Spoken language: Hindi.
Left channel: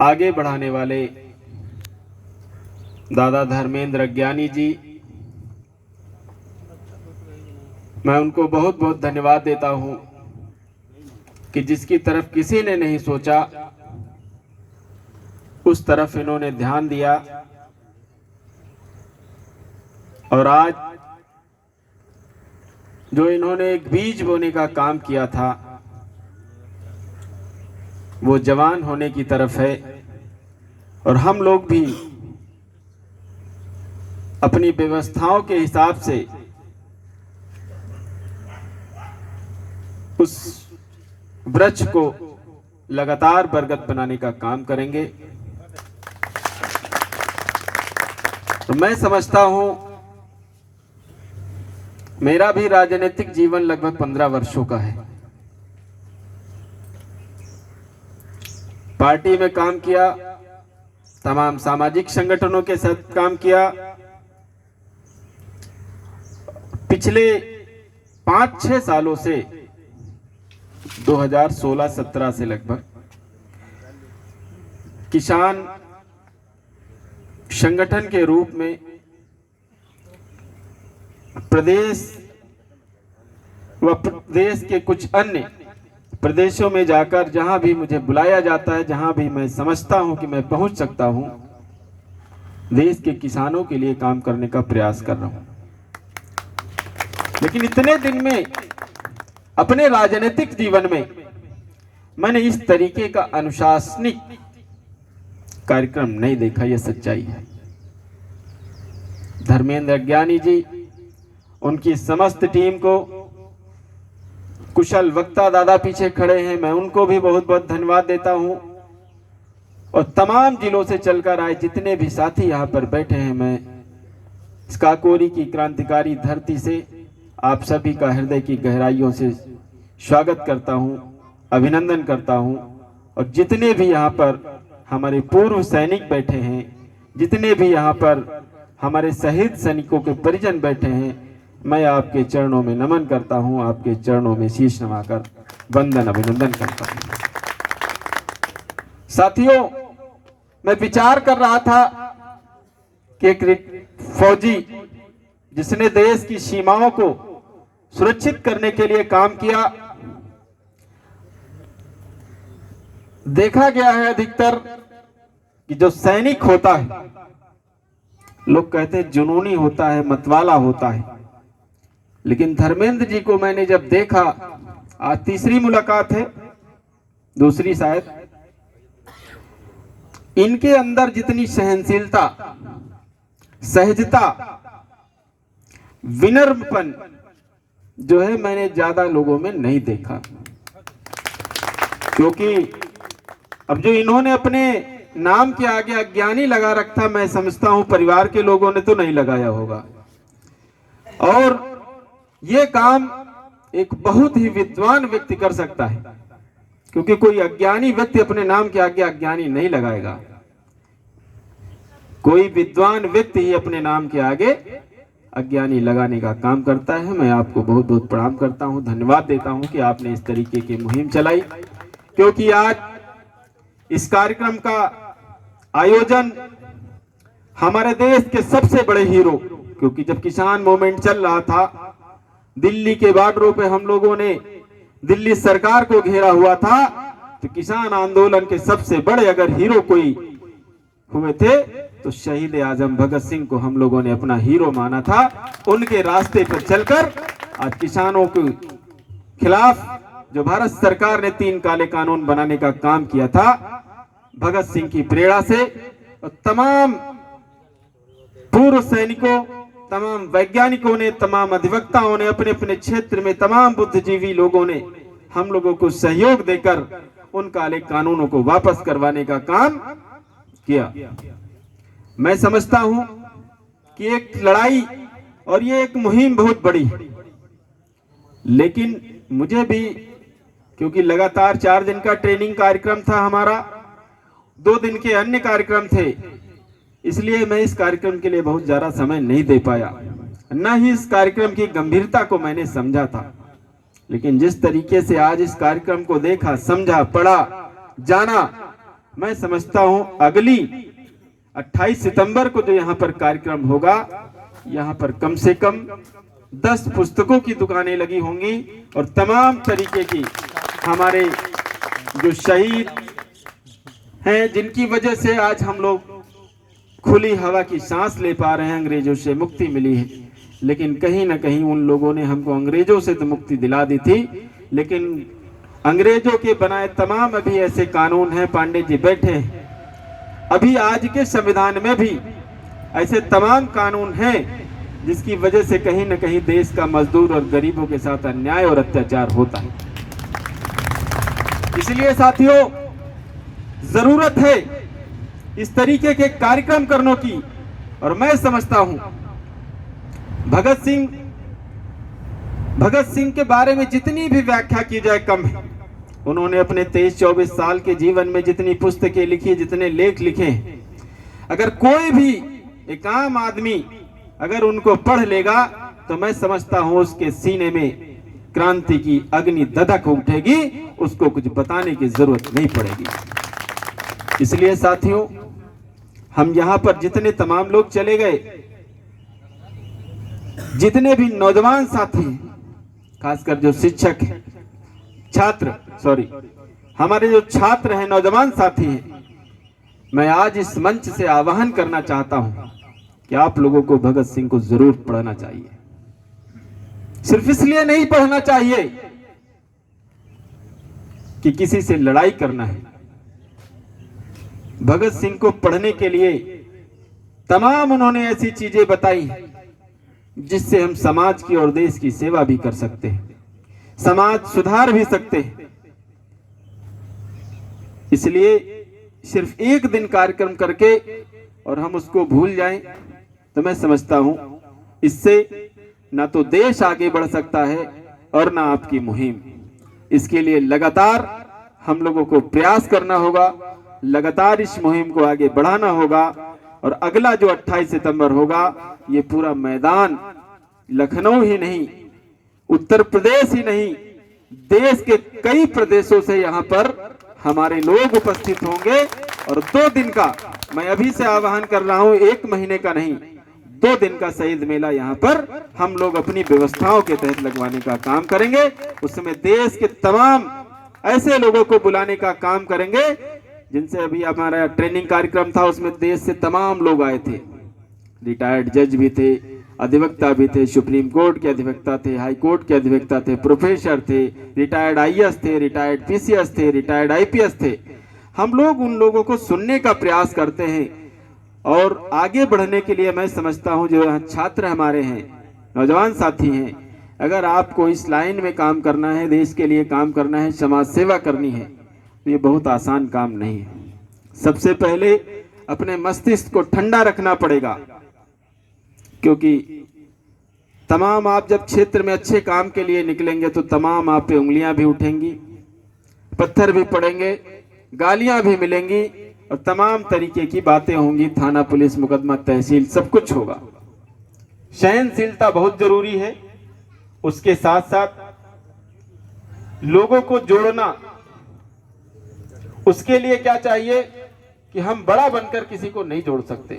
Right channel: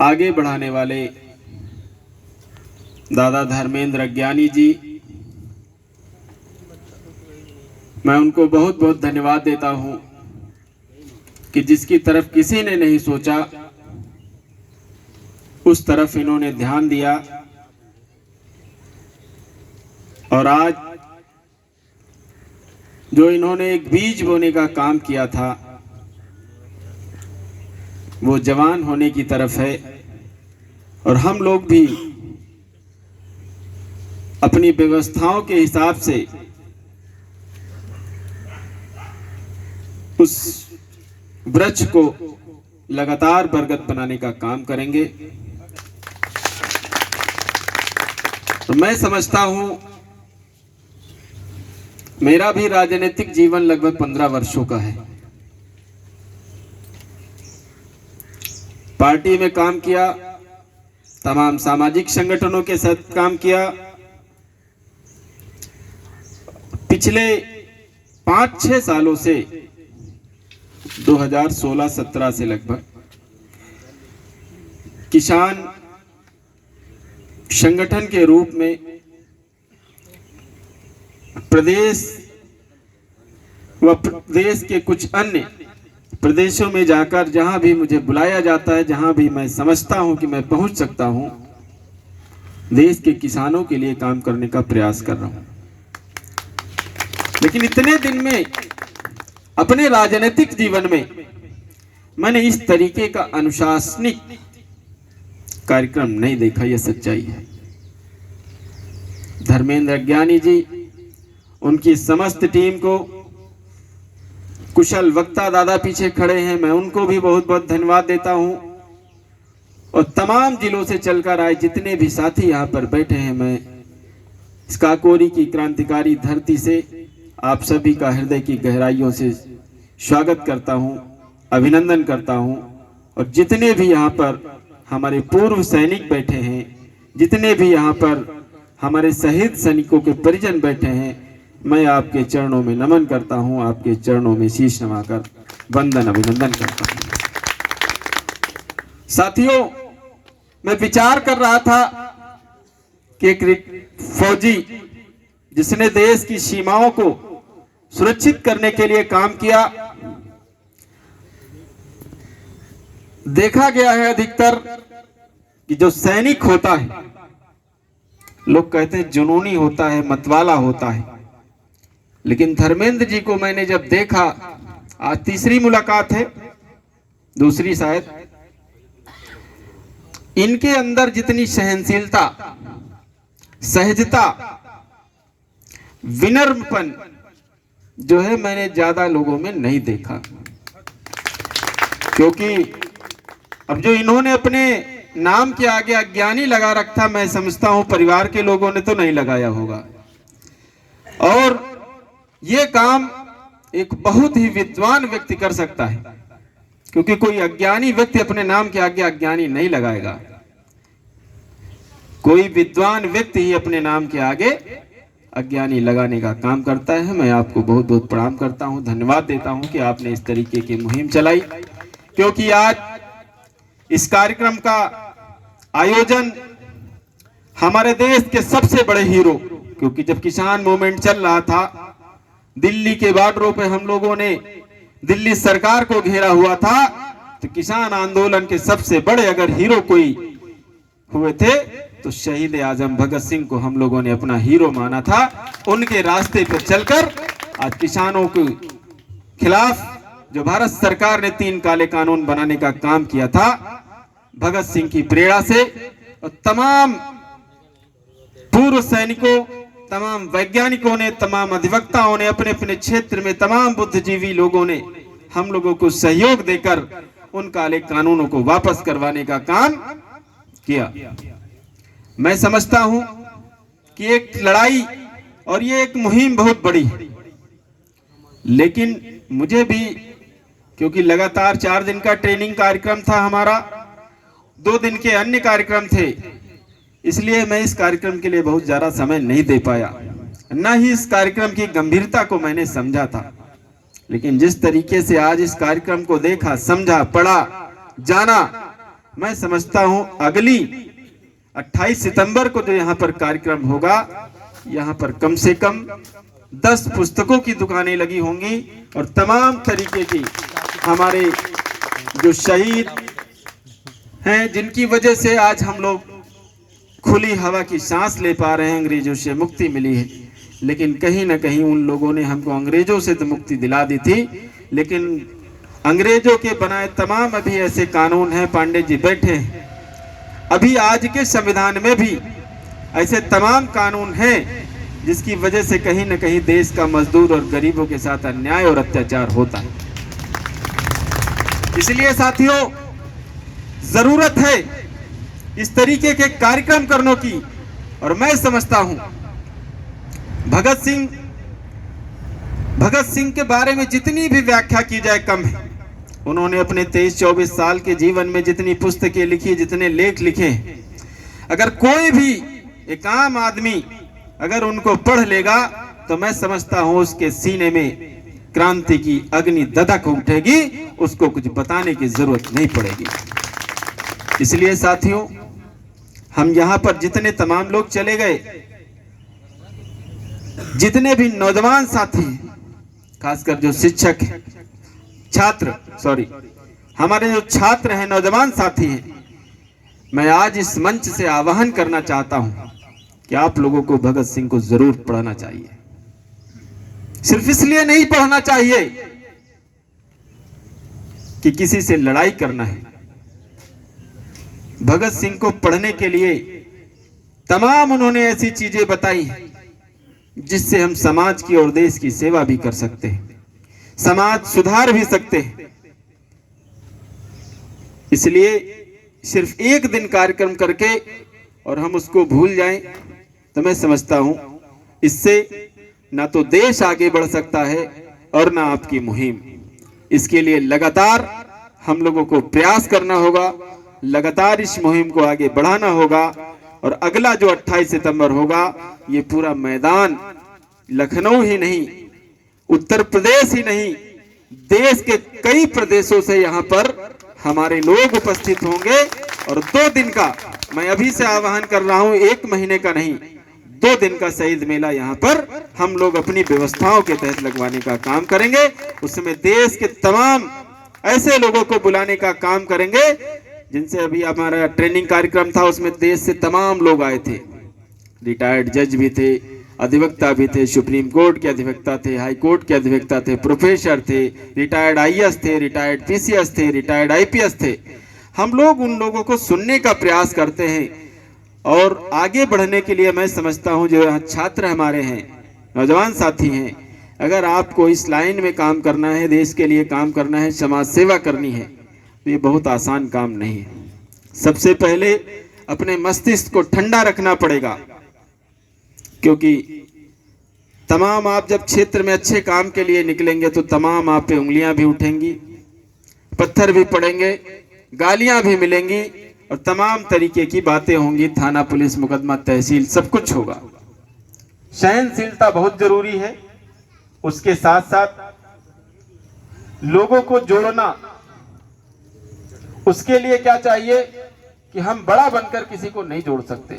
आगे बढ़ाने वाले दादा धर्मेंद्र अज्ञानी जी, मैं उनको बहुत बहुत धन्यवाद देता हूं कि जिसकी तरफ किसी ने नहीं सोचा उस तरफ इन्होंने ध्यान दिया और आज जो इन्होंने एक बीज बोने का काम किया था वो जवान होने की तरफ है। और हम लोग भी अपनी व्यवस्थाओं के हिसाब से उस वृक्ष को लगातार बरगद बनाने का काम करेंगे। तो मैं समझता हूं मेरा भी राजनीतिक जीवन लगभग 15 वर्षों का है। पार्टी में काम किया, तमाम सामाजिक संगठनों के साथ काम किया। पिछले 5-6 सालों से 2016-17 से लगभग किसान संगठन के रूप में प्रदेश व प्रदेश के कुछ अन्य प्रदेशों में जाकर जहां भी मुझे बुलाया जाता है, जहां भी मैं समझता हूं कि मैं पहुंच सकता हूं, देश के किसानों के लिए काम करने का प्रयास कर रहा हूं। लेकिन इतने दिन में अपने राजनीतिक जीवन में मैंने इस तरीके का अनुशासनिक कार्यक्रम नहीं देखा, यह सच्चाई है। धर्मेंद्र अज्ञानी जी, उनकी समस्त टीम को, कुशल वक्ता दादा पीछे खड़े हैं, मैं उनको भी बहुत बहुत धन्यवाद देता हूं। और तमाम जिलों से चलकर आए जितने भी साथी यहां पर बैठे हैं, मैं इस काकोरी की क्रांतिकारी धरती से आप सभी का हृदय की गहराइयों से स्वागत करता हूं, अभिनंदन करता हूं। और जितने भी यहाँ पर हमारे पूर्व सैनिक बैठे हैं, जितने भी यहाँ पर हमारे शहीद सैनिकों के परिजन बैठे हैं, मैं आपके चरणों में नमन करता हूं, आपके चरणों में शीश नवाकर वंदन अभिनंदन करता हूं। साथियों, मैं विचार कर रहा था कि एक फौजी जिसने देश की सीमाओं को सुरक्षित करने के लिए काम किया, देखा गया है अधिकतर कि जो सैनिक होता है, लोग कहते हैं जुनूनी होता है, मतवाला होता है। लेकिन धर्मेंद्र जी को मैंने जब देखा, आज तीसरी मुलाकात है, दूसरी शायद, इनके अंदर जितनी सहनशीलता, सहजता, विनम्रपन जो है, मैंने ज्यादा लोगों में नहीं देखा। क्योंकि अब जो इन्होंने अपने नाम के आगे अज्ञानी लगा रखा, मैं समझता हूं परिवार के लोगों ने तो नहीं लगाया होगा। और ये काम एक बहुत ही विद्वान व्यक्ति कर सकता है, क्योंकि कोई अज्ञानी व्यक्ति अपने नाम के आगे अज्ञानी नहीं लगाएगा। कोई विद्वान व्यक्ति ही अपने नाम के आगे अज्ञानी लगाने का काम करता है। मैं आपको बहुत बहुत प्रणाम करता हूं, धन्यवाद देता हूं कि आपने इस तरीके की मुहिम चलाई। क्योंकि आज इस कार्यक्रम का आयोजन हमारे देश के सबसे बड़े हीरो, क्योंकि जब किसान मूवमेंट चल रहा था, दिल्ली के बॉर्डरों पे हम लोगों ने दिल्ली सरकार को घेरा हुआ था, तो किसान आंदोलन के सबसे बड़े अगर हीरो कोई हुए थे तो शहीद आजम भगत सिंह को हम लोगों ने अपना हीरो माना था। उनके रास्ते पर चलकर आज किसानों के खिलाफ जो भारत सरकार ने 3 काले कानून बनाने का काम किया था, भगत सिंह की प्रेरणा से, और तमाम पूर्व सैनिकों, तमाम वैज्ञानिकों ने, तमाम अधिवक्ताओं ने, अपने अपने क्षेत्र में तमाम बुद्धिजीवी लोगों ने हम लोगों को सहयोग देकर उन काले कानूनों को वापस करवाने का काम किया। मैं समझता हूं कि एक लड़ाई और ये एक मुहिम बहुत बड़ी है। लेकिन मुझे भी, क्योंकि लगातार 4 दिन का ट्रेनिंग कार्यक्रम था हमारा, 2 दिन के अन्य कार्यक्रम थे, इसलिए मैं इस कार्यक्रम के लिए बहुत ज्यादा समय नहीं दे पाया, न ही इस कार्यक्रम की गंभीरता को मैंने समझा था। लेकिन जिस तरीके से आज इस कार्यक्रम को देखा, समझा, पढ़ा, जाना, मैं समझता हूं अगली 28 सितंबर को जो यहाँ पर कार्यक्रम होगा, यहाँ पर कम से कम 10 पुस्तकों की दुकानें लगी होंगी और तमाम तरीके की हमारे जो शहीद हैं, जिनकी वजह से आज हम लोग खुली हवा की सांस ले पा रहे हैं, अंग्रेजों से मुक्ति मिली है। लेकिन कहीं ना कहीं उन लोगों ने हमको अंग्रेजों से तो मुक्ति दिला दी थी, लेकिन अंग्रेजों के बनाए तमाम अभी ऐसे कानून हैं, पांडे जी बैठे हैं, अभी आज के संविधान में भी ऐसे तमाम कानून हैं जिसकी वजह से कहीं ना कहीं देश का मजदूर और गरीबों के साथ अन्याय और अत्याचार होता है। इसलिए साथियों, जरूरत है इस तरीके के कार्यक्रम करने की। और मैं समझता हूं भगत सिंह के बारे में जितनी भी व्याख्या की जाए कम है। उन्होंने अपने 23-24 साल के जीवन में जितनी पुस्तकें लिखी, जितने लेख लिखे, अगर कोई भी एक आम आदमी अगर उनको पढ़ लेगा तो मैं समझता हूं उसके सीने में क्रांति की अग्नि दधक उठेगी, उसको कुछ बताने की जरूरत नहीं पड़ेगी। इसलिए साथियों, हम यहां पर जितने तमाम लोग चले गए, जितने भी नौजवान साथी, खासकर जो शिक्षक हैं, हमारे जो छात्र हैं, नौजवान साथी हैं, मैं आज इस मंच से आह्वान करना चाहता हूं कि आप लोगों को भगत सिंह को जरूर पढ़ना चाहिए। सिर्फ इसलिए नहीं पढ़ना चाहिए कि किसी से लड़ाई करना है। भगत सिंह को पढ़ने के लिए तमाम उन्होंने ऐसी चीजें बताई जिससे हम समाज की और देश की सेवा भी कर सकते हैं, समाज सुधार भी सकते हैं। इसलिए सिर्फ एक दिन कार्यक्रम करके और हम उसको भूल जाएं तो मैं समझता हूं इससे ना तो देश आगे बढ़ सकता है और ना आपकी मुहिम। इसके लिए लगातार हम लोगों को प्रयास करना होगा, लगातार इस मुहिम को आगे बढ़ाना होगा। और अगला जो 28 सितंबर होगा, ये पूरा मैदान लखनऊ ही नहीं, उत्तर प्रदेश ही नहीं, देश के कई प्रदेशों से यहाँ पर हमारे लोग उपस्थित होंगे। और 2 दिन का मैं अभी से आह्वान कर रहा हूं, 1 महीने का नहीं, 2 दिन का शहीद मेला यहाँ पर हम लोग अपनी व्यवस्थाओं के तहत लगवाने का काम करेंगे। उसमें देश के तमाम ऐसे लोगों को बुलाने का काम करेंगे जिनसे अभी हमारा ट्रेनिंग कार्यक्रम था, उसमें देश से तमाम लोग आए थे। रिटायर्ड जज भी थे, अधिवक्ता भी थे, सुप्रीम कोर्ट के अधिवक्ता थे, हाई कोर्ट के अधिवक्ता थे, प्रोफेसर थे, रिटायर्ड आईएएस थे, रिटायर्ड पीसीएस थे, रिटायर्ड आईपीएस थे। हम लोग उन लोगों को सुनने का प्रयास करते हैं और आगे बढ़ने के लिए मैं समझता हूं जो यहाँ छात्र हमारे हैं, नौजवान साथी हैं, अगर आपको इस लाइन में काम करना है, देश के लिए काम करना है, समाज सेवा करनी है, तो ये बहुत आसान काम नहीं है। सबसे पहले अपने मस्तिष्क को ठंडा रखना पड़ेगा, क्योंकि तमाम आप जब क्षेत्र में अच्छे काम के लिए निकलेंगे तो तमाम आप पे उंगलियां भी उठेंगी, पत्थर भी पड़ेंगे, गालियां भी मिलेंगी और तमाम तरीके की बातें होंगी, थाना पुलिस मुकदमा तहसील सब कुछ होगा। सहनशीलता बहुत जरूरी है। उसके साथ साथ लोगों को जोड़ना, उसके लिए क्या चाहिए कि हम बड़ा बनकर किसी को नहीं जोड़ सकते।